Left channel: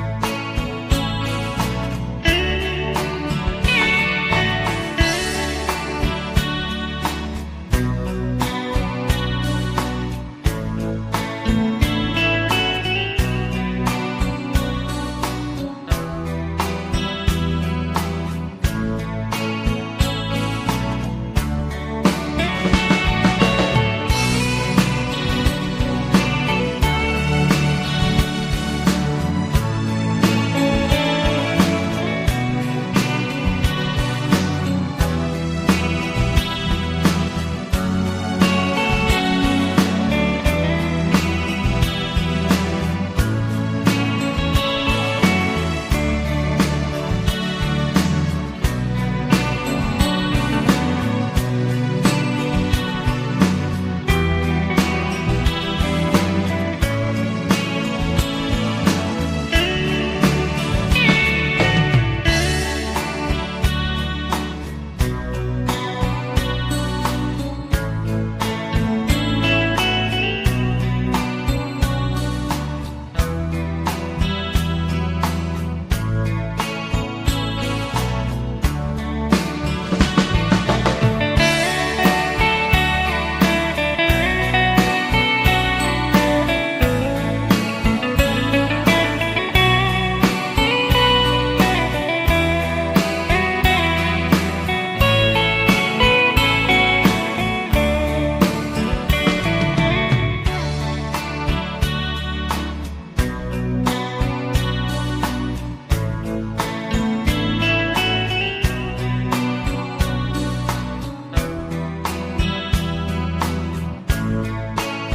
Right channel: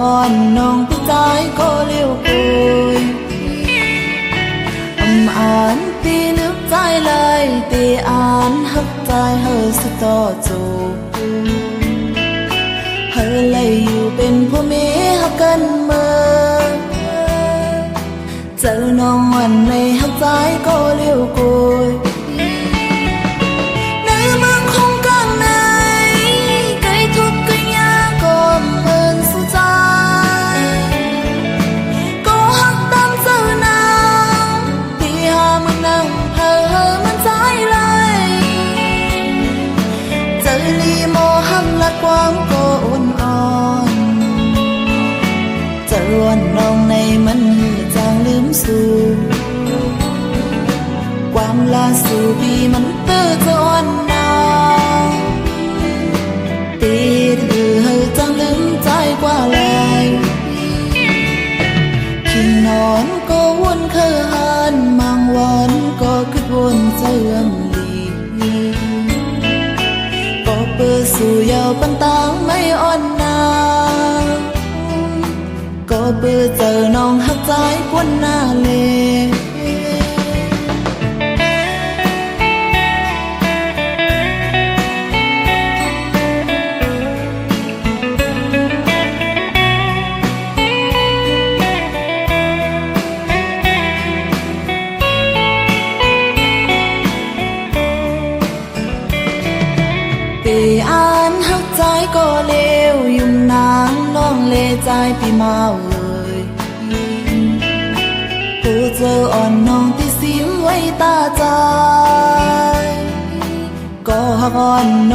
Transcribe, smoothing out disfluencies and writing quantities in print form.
còn nông tin trái cô liêu cùi án đi nước trái lời tì án hấp trái hơi sự to dù hơi lấyอยู่เป็นผู้มีฮักกันเมื่อเจอน้องวันในฮักtrái cô liêu cùi bữa giờ nong hấp trái quân na lê tì án hấp trái cô liêu dùng nán nong lê trái pi mau giờ on nong tí xíu ấy ta trái có on